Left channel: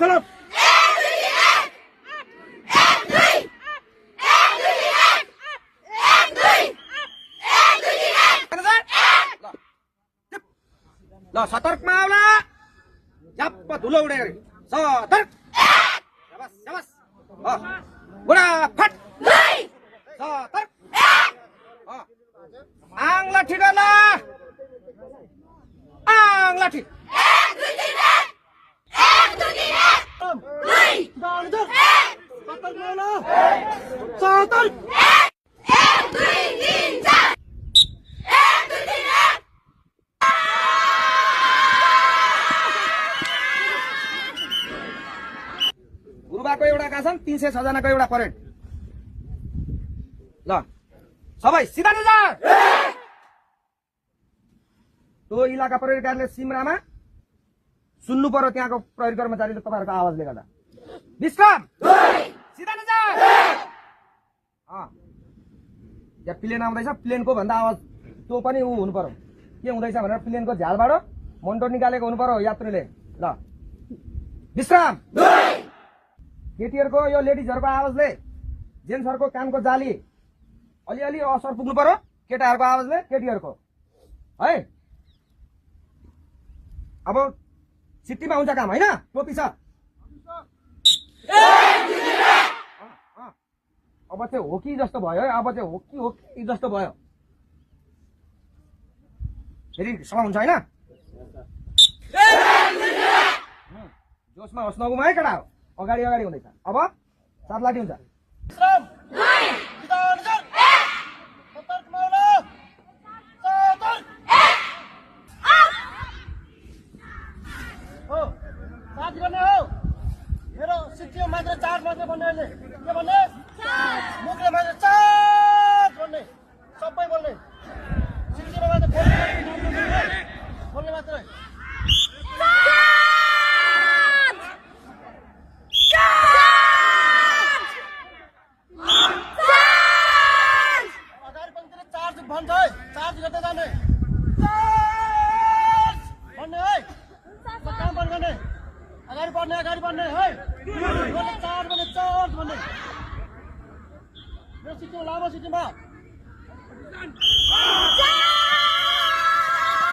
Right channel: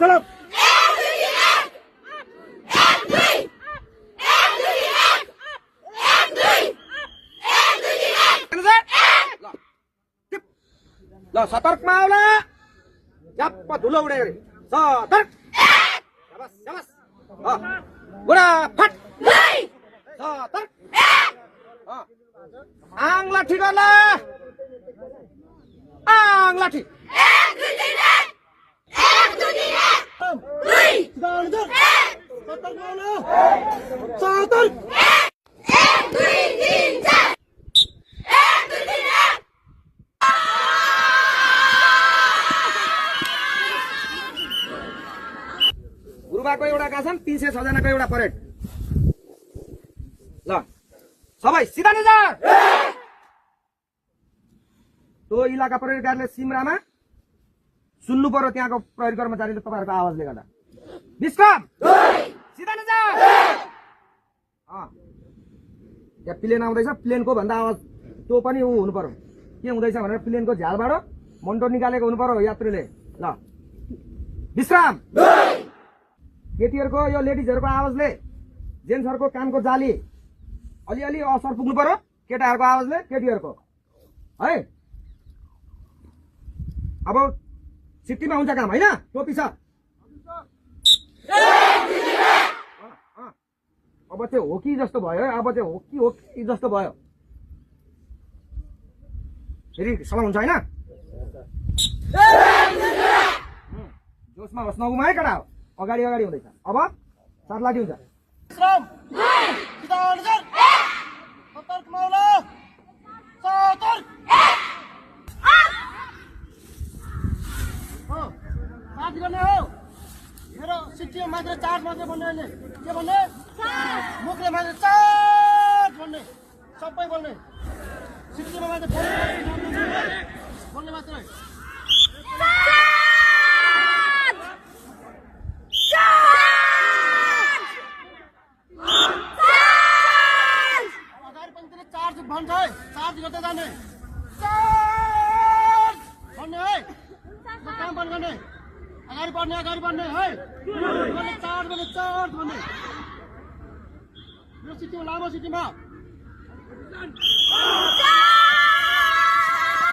सलाम ल सतर्कमा आउला झ्याप्प धुलो उडे गरे सतर्क शाबास शाबास बुढा फट सतर्क आङ लाठी गर्ला आङ लाठी गुरुबाको एउटा गाछन् 306 जनाको एउटा परेड ल सबै सिधा निजा त्यो इलाका परेडकारले सिमरामा सुन्नु पर्यो त्यहाँको प्रहरी कर्मचारीले तपाईहरुको आवाजले गर्दा विश्राम सिधा निजा यहाँ प्लेन आउँदैछ प्लेनको भन्दा आवाज त्यो पनि उ हुनु पर्यो के हुँदैछ भनेर प्लेनको झ्यालबाट मन्टर निकालेको हुनु पर्यो यात्रीले ल विश्राम केटीहरुको यो लेडिजहरुको आवाजले जेन्ट्सहरुको कानको जाली अलिअलि असर पुग्नु पर्यो केटाहरुको आवाजले केटीहरुको है अब सिटीमा हुन्छ काम हैन टोपी छ अब चाहिँ हो कि जस्तो भयो है अब चाहिँ हो कि जस्तो भयो फेरि सला हुन्छ हैन जोसमा होस् नगुमा है केटा अगाडि अगाडि हुँदैछ अब सात लाठी हुन्छ मेरो सिटीमा मात्र चार्ज मात्रै भन्ने अहिले के भन्ने मुखले मात्र चार्ज भन्ने सबै बोल्ने सिटीमा मात्र बोल्ने मात्रै चार्ज भन्छ है चार्ज गर्दै जाने चार्ज भन्ने है काम पनि गर्ने अगाडि बढ्ने है चार्ज भन्ने मेरो सिटीमा लामो सिटीमा